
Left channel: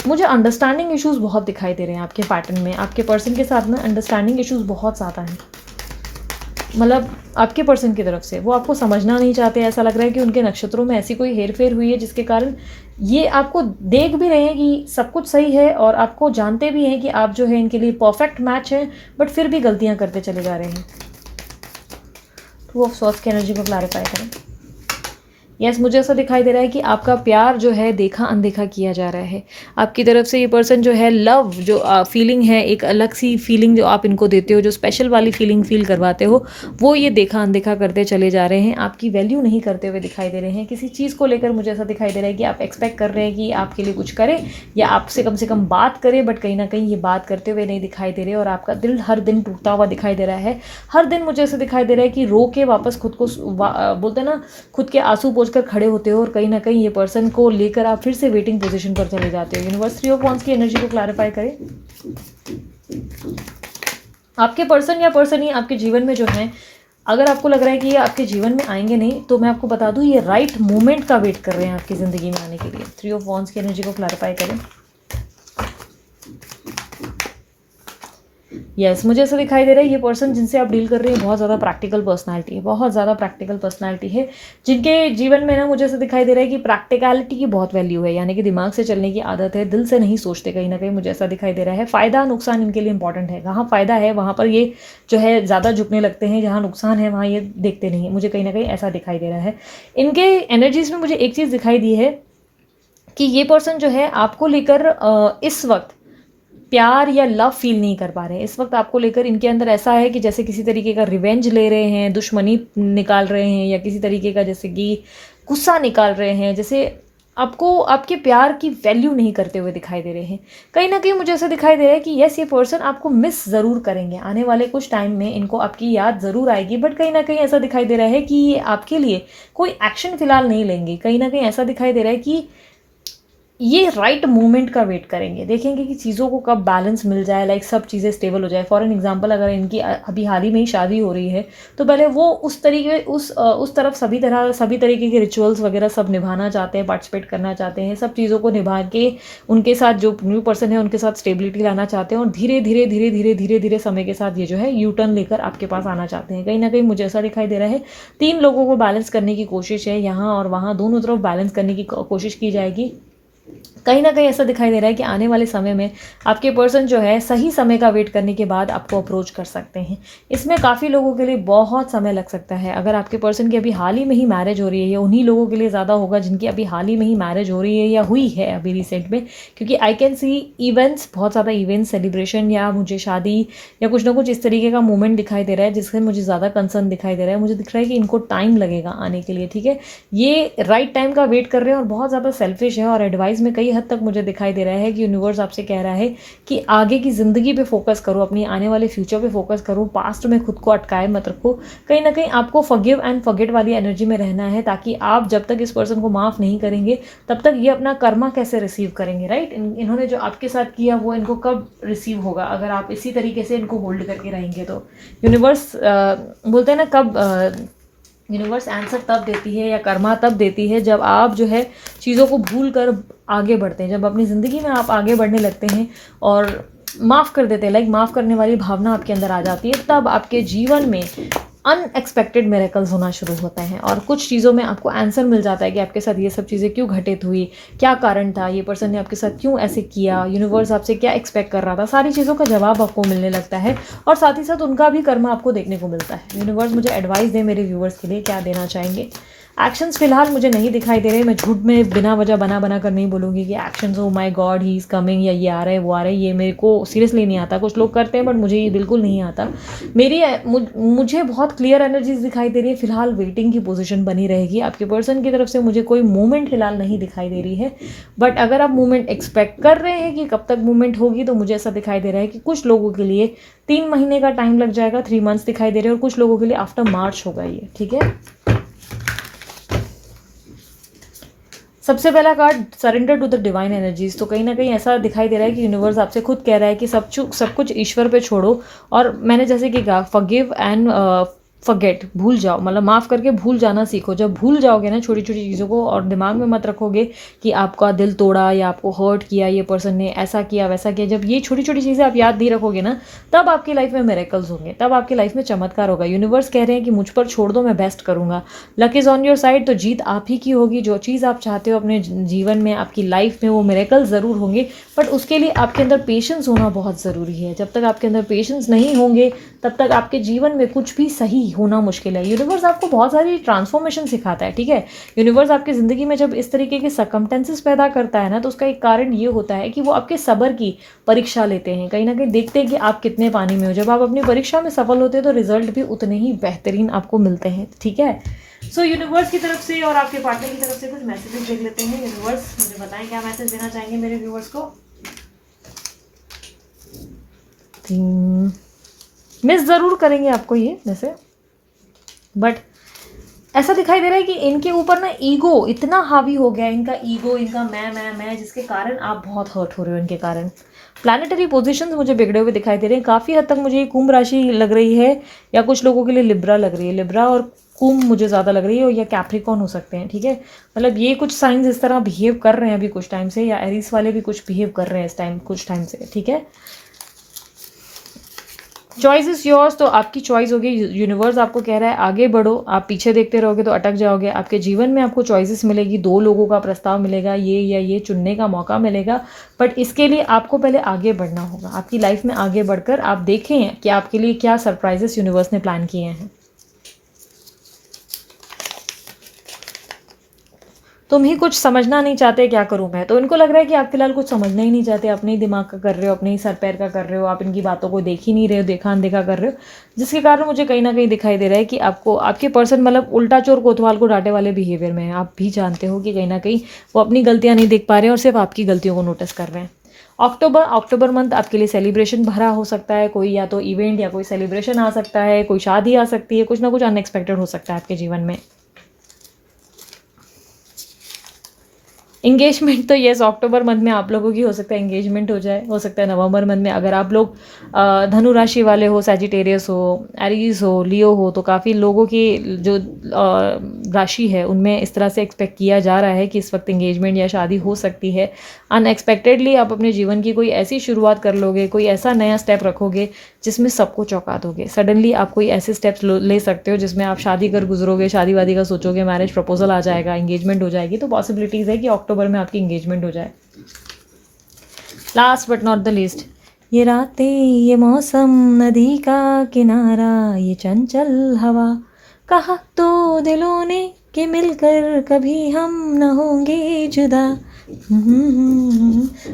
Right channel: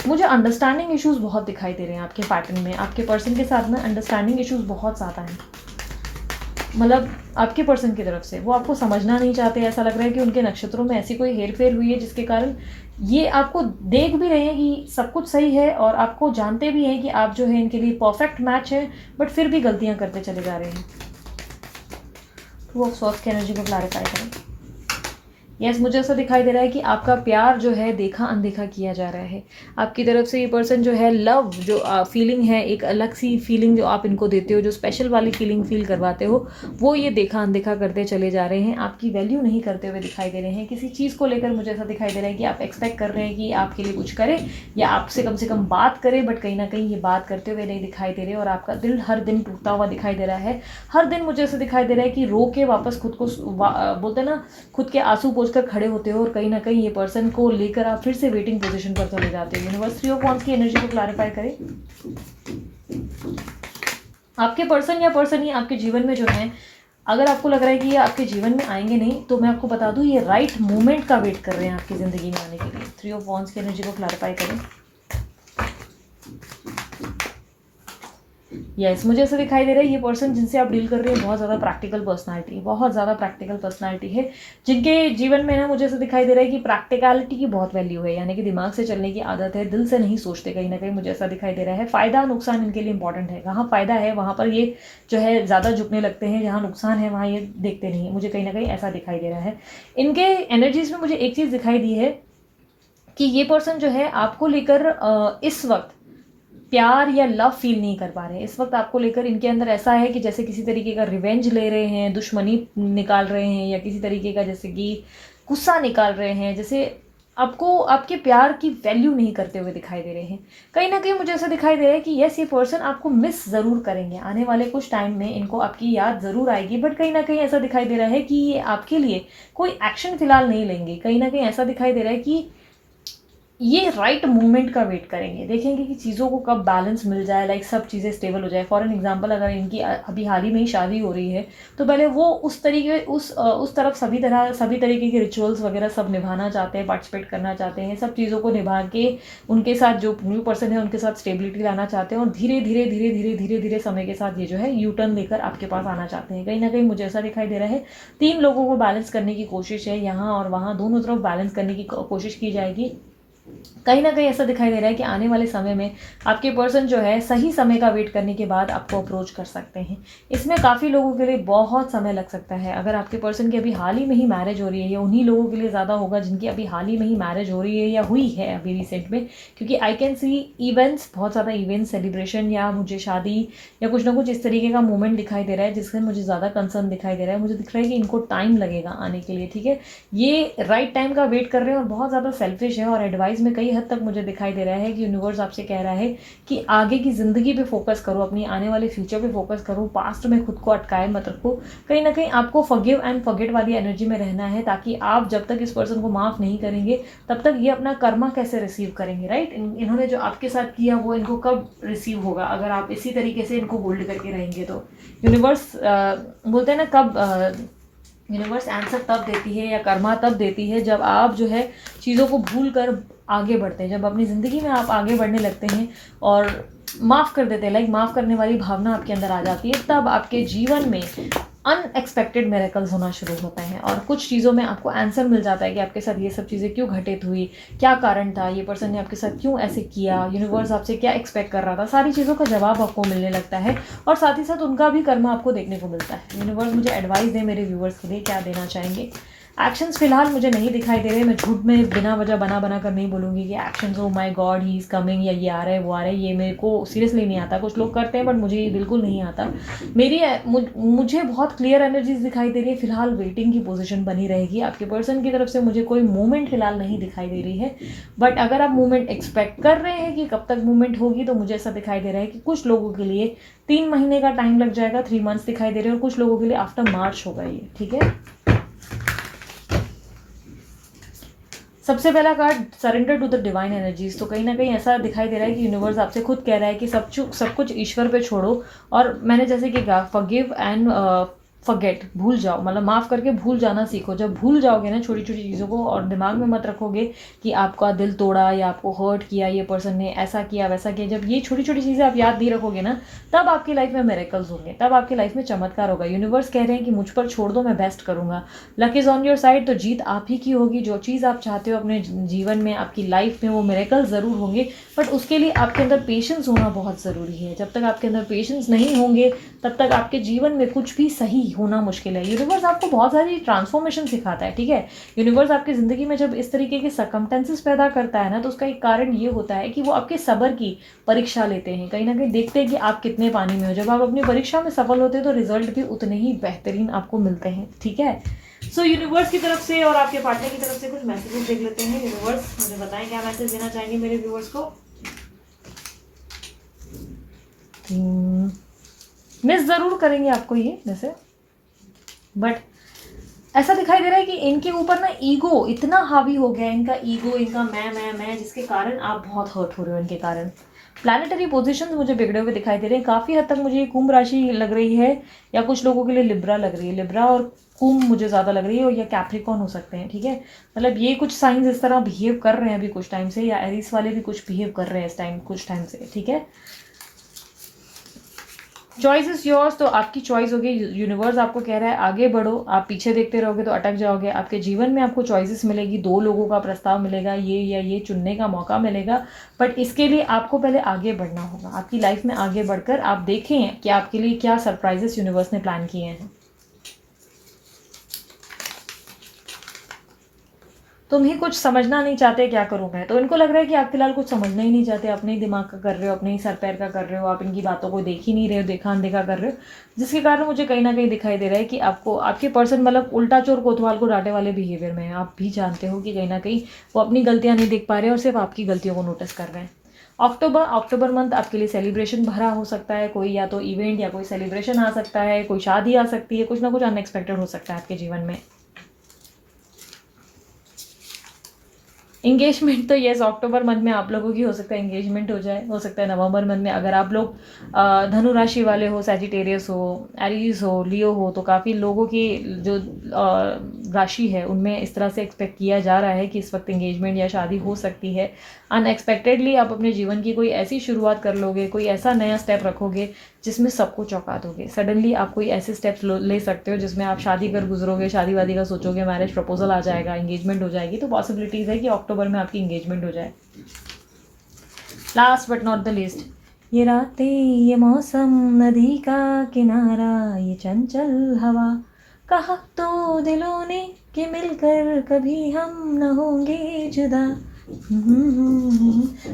मुझे अंडरस्टैंडिंग इश्यूज बहुत दिखाई दे रहे हैं आपके पैटर्न में। आपके पर्सन के साथ में अंडरस्टैंडिंग इश्यूज बहुत ज़्यादा हैं, मतलब आपके पर्सन की तरफ से वो आपको समझना नहीं चाहते। ऐसा लग रहा है कि उनके नक्षत्रों में ऐसी कोई हेरफेर हुई है जिसके कारण ये आपको देख भी रहे हैं कि सब कुछ सही है, और आपको जानते भी हैं कि आप जो है इनके लिए परफेक्ट मैच है, बट फिर भी गलतियां करते चले जा रहे हैं। 2 ऑफ स्वॉर्ड्स की एनर्जी को क्लैरिफाई करें। यस, मुझे ऐसा दिखाई दे रहा है कि आपका प्यार जो है देखा अनदेखा किया जा रहा है। आपकी तरफ से ये पर्सन जो है लव जो फीलिंग है, एक अलग सी फीलिंग जो आप इनको देते हो, जो स्पेशल वाली फीलिंग फील करवाते हो, वो ये देखा अनदेखा करते चले जा रहे हैं। आपकी वैल्यू नहीं करते हुए दिखाई दे रहे हैं। किसी चीज़ को लेकर मुझे ऐसा दिखाई दे रहा है कि आप एक्सपेक्ट कर रहे हैं कि आपके लिए कुछ करे या आपसे कम से कम बात करे, बट कहीं ना कहीं ये बात करते हुए नहीं दिखाई दे रहे, और आपका दिल हर दिन टूटता हुआ दिखाई दे रहा है। हर दिन मुझे ऐसा दिखाई दे रहा है कि रो के वापस खुद को बोलते ना खुद के आंसू खोज कर खड़े होते हो और कहीं ना कहीं ये पर्सन को लेकर आप फिर से वेटिंग पोजीशन पर चले जाते हो। यूनिवर्स 3 ऑफ वांड्स की एनर्जी को क्लैरिफाई करें। आपके पर्सन या पर्सन ही आपके जीवन में जो है, अगर आपको लग रहा है कि ये आपके जीवन में आएंगे नहीं, तो मैं आपको बता दूं ये राइट मोमेंट का वेट कर रहे हैं आपकी ज़िंदगी में आने के लिए। 3 ऑफ वांड्स की एनर्जी को क्लैरिफाई करें। यस, मुझे ऐसा दिखाई दे रहा है ये पर्सन जिनसे आप डील कर रहे हैं बहुत ज़्यादा प्रैक्टिकल पर्सनालिटी है, बहुत ज़्यादा प्रैक्टिकल पर्सनालिटी है, जिनके जीवन में ना मुझे ऐसा दिखाई दे रहा है कि प्रैक्टिकलिटी की बहुत वैल्यू है, यानी कि दिमाग से चलने की आदत है, दिल से नहीं सोचते कहीं ना कहीं, मुझे ऐसा दिखाई दे रहा है। फ़ायदा नुकसान इनके लिए इंपॉर्टेंट है। जहाँ फ़ायदा है वहाँ पर ये जो है ज़्यादा झुकने लगते हैं, जहाँ नुकसान है वहाँ ये देखते नहीं है, मुझे कहीं ना कहीं ऐसा दिखाई दे रहा है। इनके एनर्जीज में मुझे एक चीज़ दिखाई दी है कि ये पर्सन जो है आपको लेकर इस वक्त प्यार या लव फील नहीं कर पा रहे हैं। इस वक्त आपको लेकर इनके अंदर ऐसा है कि जैसे किसी तरीके का रिवेंज ले रहे हैं, दुश्मनी निकाल रहे हैं, या किसी तरीके का जैसे कि गुस्सा निकाल रहे हैं, जैसे आपको आपके प्यार की वैल्यू नहीं करते हुए दिखाई दे रहे हैं। कहीं ना कहीं मुझे ऐसा दिखाई दे रहा है कि यस, ये पर्सन आपको मिस ज़रूर करेंगे आने वाले कुछ टाइम में, इनको आपकी याद ज़रूर आएगी, बट कहीं ना कहीं ऐसा दिखाई दे रहा है कि ये आपके लिए कोई एक्शन फिलहाल नहीं लेंगे। कहीं ना कहीं ऐसा दिखाई दे रहा है कि ये राइट मोमेंट का वेट करेंगे, देखेंगे कि चीज़ों को कब बैलेंस मिल जाए, लाइक सब चीज़ें स्टेबल हो जाए। फॉर एन एग्जांपल, अगर इनकी अभी हाल ही में ही शादी हो रही है, तो पहले वो उस तरीके उस तरफ सभी तरीके के रिचुअल्स वगैरह सब निभाना चाहते हैं, पार्टिसिपेट करना चाहते हैं, सब चीज़ों को निभा के उनके साथ जो न्यू पर्सन है उनके साथ स्टेबिलिटी लाना चाहते हैं, और धीरे धीरे धीरे धीरे धीरे धीरे समय के साथ ये जो है यू टर्न लेकर आपके पास आना चाहते हैं। कहीं ना कहीं मुझे ऐसा दिखाई दे रहा है 3 लोगों को बैलेंस करने की कोशिश है, यहाँ और वहाँ दोनों तरफ बैलेंस करने की कोशिश की जाएगी। कहीं ना कहीं ऐसा दिखाई दे रहा है कि आने वाले समय में आपके पर्सन जो है सही समय का वेट करने के बाद आपको अप्रोच कर सकते हैं। इसमें काफ़ी लोगों के लिए बहुत समय लग सकता है। अगर आपके पर्सन की अभी हाल ही में ही मैरिज हो रही है, या उन्हीं लोगों के लिए ज़्यादा होगा जिनकी अभी हाल ही में ही मैरिज हो रही है या हुई है अभी रिसेंट में, क्योंकि आई कैन सी इवेंट्स, बहुत ज़्यादा इवेंट्स, सेलिब्रेशन, या मुझे शादी या कुछ ना कुछ इस तरीके का मूवमेंट दिखाई दे रहा है जिससे मुझे ज़्यादा कंसर्न दिखाई दे रहा है। मुझे दिख रहा है कि इनको टाइम लगेगा आने के लिए, ठीक है। ये राइट टाइम का वेट कर रहे हैं और बहुत ज़्यादा सेल्फिश है, और एडवाइस में कई हद तक मुझे दिखाई दे रहा है कि यूनिवर्स आपसे कह रहा है कि आगे की ज़िंदगी पे फोकस करो, अपनी आने वाले फ्यूचर पे फोकस करो, पास्ट में खुद को अटकाए मत रखो। कहीं ना कहीं आपको फॉरगिव एंड फॉरगेट वाली एनर्जी में रहना है, ताकि आप जब तक इस पर्सन को माफ़ नहीं करेंगे तब तक ये अपना कर्मा कैसे रिसीव करेंगे, राइट। इन्होंने जो आपके साथ किया वो इनको कब रिसीव होगा, अगर आप इसी तरीके से इनको होल्ड करके रहेंगे तो। यूनिवर्स बोलते हैं ना, कब यूनिवर्स आंसर तब देती है या कर्मा तब देती है जब आप जो है चीज़ों को भूल कर आगे बढ़ते हैं, जब अपनी ज़िंदगी में आप आगे बढ़ने लगते हैं और माफ़ कर देते हैं, लाइक माफ़ करने वाली भावना आपके अंदर आ जाती है, तब आपके जीवन में अनएक्सपेक्टेड मिरेकल्स होना शुरू होते हैं, और कुछ चीज़ों में आपको आंसर मिल जाता है कि आपके साथ ये सब चीज़ें क्यों घटित हुई, क्या कारण था, ये पर्सन ने आपके साथ क्यों ऐसे किया, यूनिवर्स आपसे क्या एक्सपेक्ट कर रहा था, सारी चीज़ों का जवाब आपको मिलने लगता है, और साथ ही साथ उनका भी कर्म आपको देखने को मिलता है। यूनिवर्स मुझे एडवाइस दे मेरे व्यूवर्स के लिए, क्या देना चाहेंगे। एक्शंस फिलहाल मुझे नहीं दिखाई दे रहे। मैं झूठ में बिना वजह बना कर नहीं बोलूँगी कि actions, oh my God he is coming, या ये आ रहा है वो आ रहा है, ये मेरे को सीरियसली नहीं आता। कुछ लोग करते हैं बट मुझे ये बिल्कुल नहीं आता। मुझे बहुत क्लियर एनर्जीज दिखाई दे रही है। फिलहाल वेटिंग की पोजीशन बनी रहेगी। आपके पर्सन की तरफ से मुझे कोई मूवमेंट फिलहाल नहीं दिखाई दे रही है, बट अगर आप मूवमेंट एक्सपेक्ट कर रहे हैं कि कब तक मूवमेंट होगी, तो मुझे ऐसा दिखाई दे रहा है कि कुछ लोगों के लिए 3 महीने का टाइम लग जाएगा, 3 मंथ्स दिखाई दे रहे हैं, और कुछ लोगों के लिए आफ्टर मार्च होगा ये, ठीक है। सबसे पहला card surrender to the divine energies. तो कहीं ना कहीं ऐसा दिखाई दे रहा है कि यूनिवर्स आपसे खुद कह रहा है कि सब कुछ ईश्वर पे छोड़ो, और मैंने जैसे कि कहा फॉरगिव एंड फॉरगेट, भूल जाओ, मतलब माफ़ करके भूल जाना सीखो। जब भूल जाओगे ना छोटी छोटी चीज़ों को, और दिमाग में मत रखोगे कि आपका दिल तोड़ा या आपको हर्ट किया, ये पर्सन ने ऐसा किया वैसा किया, जब ये छोटी छोटी चीज़ें आप याद नहीं रखोगे ना, तब आपकी लाइफ में मिरेकल्स होंगे, तब आपकी लाइफ में चमत्कार होगा। यूनिवर्स कह रहे हैं कि मुझ पर छोड़ दो, मैं बेस्ट करूँगा, luck is on your side. तो जीत आप ही की होगी। जो चीज़ आप चाहते हो अपने जीवन में, आपकी लाइफ में, वो मिरेकल्स ज़रूर होंगे, बट उसके लिए आपके अंदर पेशेंस होना बहुत ज़रूरी है। जब तक आपके अंदर पेशेंस नहीं होंगे तब तक आपके जीवन में कुछ भी सही होना मुश्किल है। यूनिवर्स आपको बहुत सारी ट्रांसफॉर्मेशन सिखाता है, ठीक है। यूनिवर्स आपकी ज़िंदगी में जब इस तरीके के सर्कमस्टेंसेस पैदा करता है ना, तो उसका एक कारण ये होता है कि वो आपके सब्र की परीक्षा लेते हैं, कहीं ना कहीं देखते हैं कि आप कितने पानी में हो। जब आप अपनी परीक्षा में सफल होते हैं तो रिजल्ट भी उतने ही बेहतरीन आपको मिलते हैं, ठीक है। सो यूनिवर्स की तरफ से और आपके पार्टनर की तरफ से कुछ मैसेजेस देख लेते हैं। यूनिवर्स मुझे बताएं क्या मैसेज देना चाहेंगे मेरे व्यूअर्स को। मिस ज़रूर करेंगे आपको ये वैसे, बट ऐसा दिखाई दे रहा है कि इनके ऊपर ना ईगो इतना हावी हो गया है, इनका ईगो, इनका मैं, जिसके कारण आप बहुत हर्ट हो रहे हो इनके कारण। प्लानिटरी पोजीशंस मुझे बिगड़े हुए दिखाई दे रहे हैं काफ़ी हद तक। मुझे ये कुंभ राशि लग रही है, या कुछ लोगों के लिए लिब्रा लग रही है। लिब्रा और कुंभ मुझे ज़्यादा लग रही है, या कैप्रिकॉर्न हो सकते हैं, ठीक है। मतलब ये कुछ साइंस इस तरह बिहेव कर रहे हैं अभी कुछ टाइम से, या एरीज वाले भी कुछ बिहेव कर रहे हैं इस टाइम कुछ टाइम से, ठीक है। चॉइस इज योर्स, तो आपकी चॉइस होगी। यूनिवर्स आपको कह रहा है आगे बढ़ो, आप पीछे देखते रहोगे तो अटक जाओगे। आपके जीवन में आपको चॉइसेस मिलेगी, 2 लोगों का प्रस्ताव मिलेगा, ये या ये चुनने का मौका मिलेगा। बट इसके लिए आपको पहले आगे बढ़ना होगा। आपकी लाइफ में आगे बढ़कर आप देखें कि आपके लिए क्या सरप्राइजेस यूनिवर्स ने प्लान किए हैं। तुम ही कुछ समझना नहीं चाहते, क्या करूं मैं। तो इनको लग रहा है कि आप फिलहाल कुछ समझना ही नहीं चाहते, अपने ही दिमाग का कर रहे हो, अपने ही सर पैर का कर रहे हो, आप इनकी बातों को देख ही नहीं रहे हो, देखा अनदेखा कर रहे हो। जिसके कारण मुझे कहीं ना कहीं दिखाई दे रहा है कि आपको आपके पर्सन मतलब उल्टा चोर कोतवाल को डांटे वाले बिहेवियर में है। आप भी जानते हो कि कहीं ना कहीं वो अपनी गलतियां नहीं देख पा रहे हैं और सिर्फ आपकी गलतियों को नोटिस कर रहे हैं। अक्टूबर मंथ आपके लिए सेलिब्रेशन भरा हो सकता है। कोई या तो इवेंट या कोई सेलिब्रेशन आ सकता है, कोई शादी आ सकती है, कुछ ना कुछ अनएक्सपेक्टेड हो सकता है आपके जीवन में। इंगेजमेंट तो येस, अक्टूबर मंथ में आप लोगों की हो सकता है इंगेजमेंट हो जाए, हो सकता है नवंबर मंथ में। अगर आप लोग धनु राशि वाले हो, सैजिटेरियस हो, एरीज हो, लियो हो, तो काफ़ी लोगों की जो राशि है उनमें इस तरह से एक्सपेक्ट किया जा रहा है कि इस वक्त इंगेजमेंट या शादी हो सकती है। अनएक्सपेक्टेडली आप अपने जीवन की कोई ऐसी शुरुआत कर लोगे, कोई ऐसा नया स्टेप रखोगे जिसमें सबको चौंका दोगे। सडनली आप कोई ऐसे स्टेप्स ले सकते हो जिसमें आप शादी कर गुजरोगे, शादी वादी का सोचोगे, मैरिज प्रपोजल आ जाएगा, इंगेजमेंट हो जाएगी। तो पॉसिबिलिटीज़ है कि अक्टूबर में आपकी इंगेजमेंट हो जाए। Last but not the least, ये रातें, ये मौसम, नदी का किनारा, ये चंचल हवा, कहा तो दिलों ने कि मिलकर कभी हम न होंगे जुदा।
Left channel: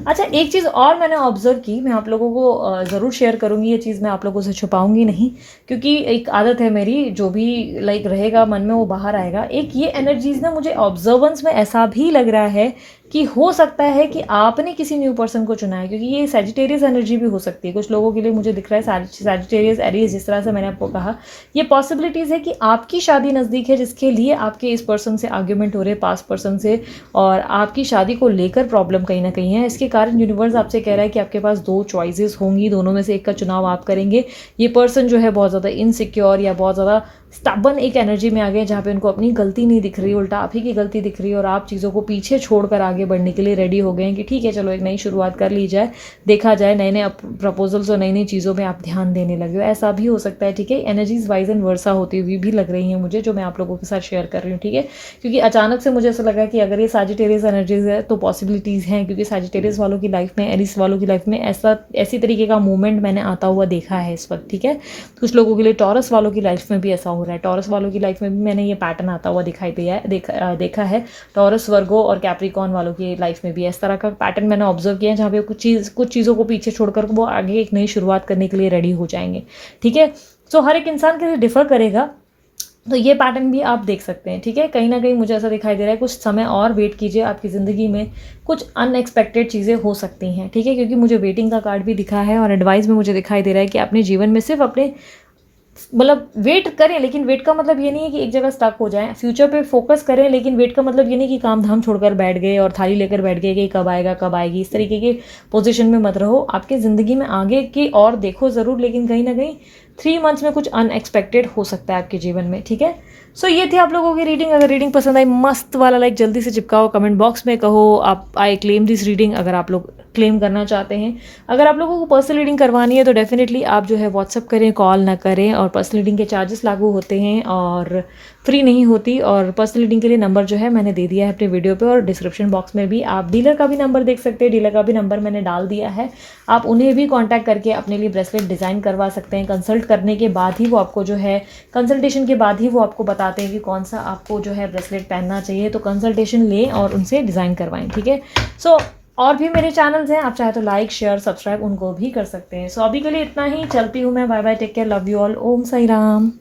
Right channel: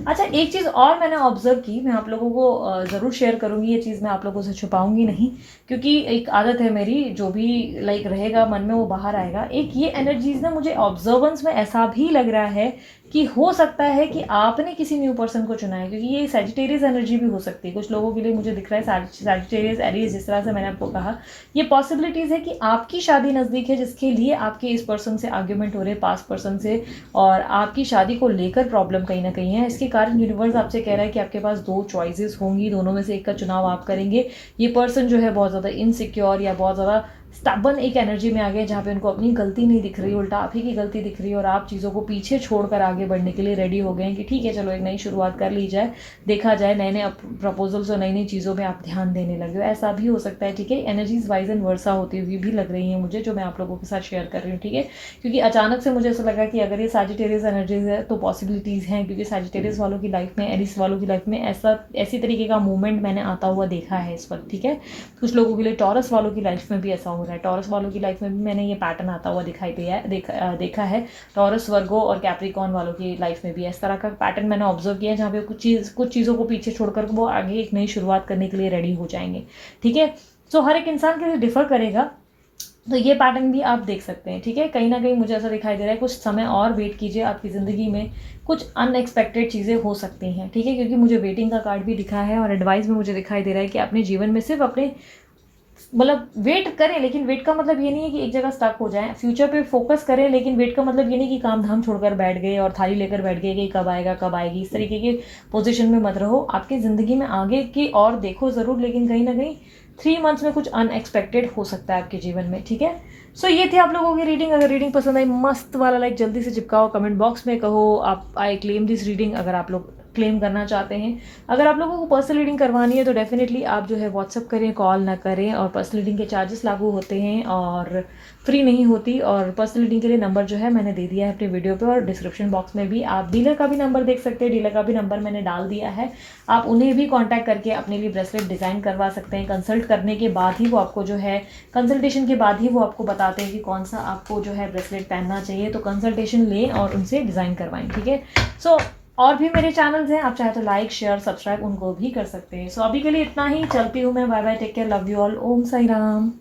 अच्छा, एक चीज़ और मैंने ऑब्जर्व की, मैं आप लोगों को ज़रूर शेयर करूँगी। ये चीज़ मैं आप लोगों से छुपाऊंगी नहीं, क्योंकि एक आदत है मेरी, जो भी लाइक रहेगा मन में वो बाहर आएगा। एक ये एनर्जीज ना मुझे ऑब्जर्वेंस में ऐसा भी लग रहा है कि हो सकता है कि आपने किसी न्यू पर्सन को चुना है, क्योंकि ये सैजिटेरियस एनर्जी भी हो सकती है कुछ लोगों के लिए। मुझे दिख रहा है सैजिटेरियस, एरीज, जिस तरह से मैंने आपको कहा, ये पॉसिबिलिटीज़ है कि आपकी शादी नज़दीक है, जिसके लिए आपके इस पर्सन से आर्ग्यूमेंट हो रहे हैं, पास्ट पर्सन से, और आपकी शादी को लेकर प्रॉब्लम कहीं ना कहीं है। इसके कारण यूनिवर्स आपसे कह रहा है कि आपके पास 2 चॉइसेस होंगी, दोनों में से एक का चुनाव आप करेंगे। ये पर्सन जो है बहुत ज़्यादा इनसिक्योर या बहुत ज़्यादा स्टबन एक एनर्जी में आ गए, जहाँ पे उनको अपनी गलती नहीं दिख रही, उल्टा आप ही की गलती दिख रही है, और आप चीज़ों को पीछे छोड़कर आगे बढ़ने के लिए रेडी हो गए हैं कि ठीक है चलो एक नई शुरुआत कर ली जाए, देखा जाए, नए नए प्रपोजल्स और नई नई चीज़ों में आप ध्यान देने लगे हो। ऐसा भी हो सकता है, ठीक है। एनर्जीज वाइज एंड वर्सा होती हुई भी लग रही हैं मुझे, जो मैं आप लोगों के साथ शेयर कर रही हूँ, ठीक है। क्योंकि अचानक से मुझे ऐसा लगा कि अगर ये सैजिटेरियस एनर्जीज है तो पॉसिबिलिटीज़ हैं, क्योंकि सैजिटेरियस वालों की लाइफ में, एरीज वालों की लाइफ में ऐसी तरीके का मूवमेंट मैंने आता हुआ देखा है इस वक्त, ठीक है। कुछ लोगों के लिए टॉरस वालों की लाइफ में भी ऐसा हो रहा है। टॉरस वालों की लाइफ में भी मैंने ये पैटर्न आता हुआ दिखाई दिया है, देखा है। टॉरस, वर्गो और कैप्रिकॉर्न वालों की लाइफ में भी इस तरह का पैटर्न मैंने ऑब्जर्व किया है, जहाँ पे कुछ चीज़ों को पीछे छोड़कर वो आगे एक नई शुरुआत करने के लिए रेडी हो जाएंगे, ठीक है। सो हर एक इंसान के लिए डिफर करेगा, तो ये पैटर्न भी आप देख सकते हैं, ठीक है। कहीं ना कहीं मुझे ऐसा दिखाई दे रहा है कुछ समय और वेट कीजिए, आपकी ज़िंदगी में कुछ अनएक्सपेक्टेड चीज़ें हो सकती हैं, ठीक है। क्योंकि मुझे वेटिंग का कार्ड भी दिखा है, और एडवाइस में मुझे दिखाई दे रहा है कि अपने जीवन में सिर्फ अपने मतलब वेट करें, लेकिन वेट का मतलब ये नहीं है कि एक जगह स्टक हो जाएं। फ्यूचर पे फोकस करें, लेकिन वेट का मतलब ये नहीं कि काम धाम छोड़कर बैठ गए और थाली लेकर बैठ गए कि कब आएगा कब आएगी, इस तरीके के पोजीशन में मत रहो। आपके ज़िंदगी में आगे की और देखो ज़रूर, लेकिन कहीं ना कहीं 3 मंथ्स में कुछ अनएक्सपेक्टेड हो सकता है आपके जीवन में, ठीक है। सो ये थे आप लोगों की रीडिंग। अगर रीडिंग पसंद आई, मस्त वाला लाइक जल्दी से चिपकाओ, कमेंट बॉक्स में कहो आप आई क्लेम दिस रीडिंग, अगर आप लोग क्लेम करना चाहते हैं। अगर आप लोगों को पर्सनल रीडिंग करवानी है तो डेफिनेटली आप जो है व्हाट्सअप करें, कॉल ना करें। और पर्सनल रीडिंग के चार्जेस लागू होते हैं और फ्री नहीं होती। और पर्सनल रीडिंग के लिए नंबर जो है मैंने दे दिया है अपने वीडियो पे, और डिस्क्रिप्शन बॉक्स में भी आप डीलर का भी नंबर देख सकते हैं, डीलर का भी नंबर मैंने डाल दिया है। आप उन्हें भी कॉन्टैक्ट करके अपने लिए ब्रेसलेट डिज़ाइन करवा सकते हैं। कंसल्ट करने के बाद ही वो आपको जो है, कंसल्टेशन के बाद ही वो आपको बताते हैं कि कौन सा आपको जो है ब्रेसलेट पहनना चाहिए। तो कंसल्टेशन लें और उनसे डिज़ाइन करवाएं, ठीक है। सो और भी मेरे चैनल्स हैं, आप चाहे तो लाइक शेयर सब्सक्राइब उनको भी कर सकते हैं। सो अभी के लिए इतना ही, चलती हूँ मैं, bye bye, take care, love you all, Om Sai Ram.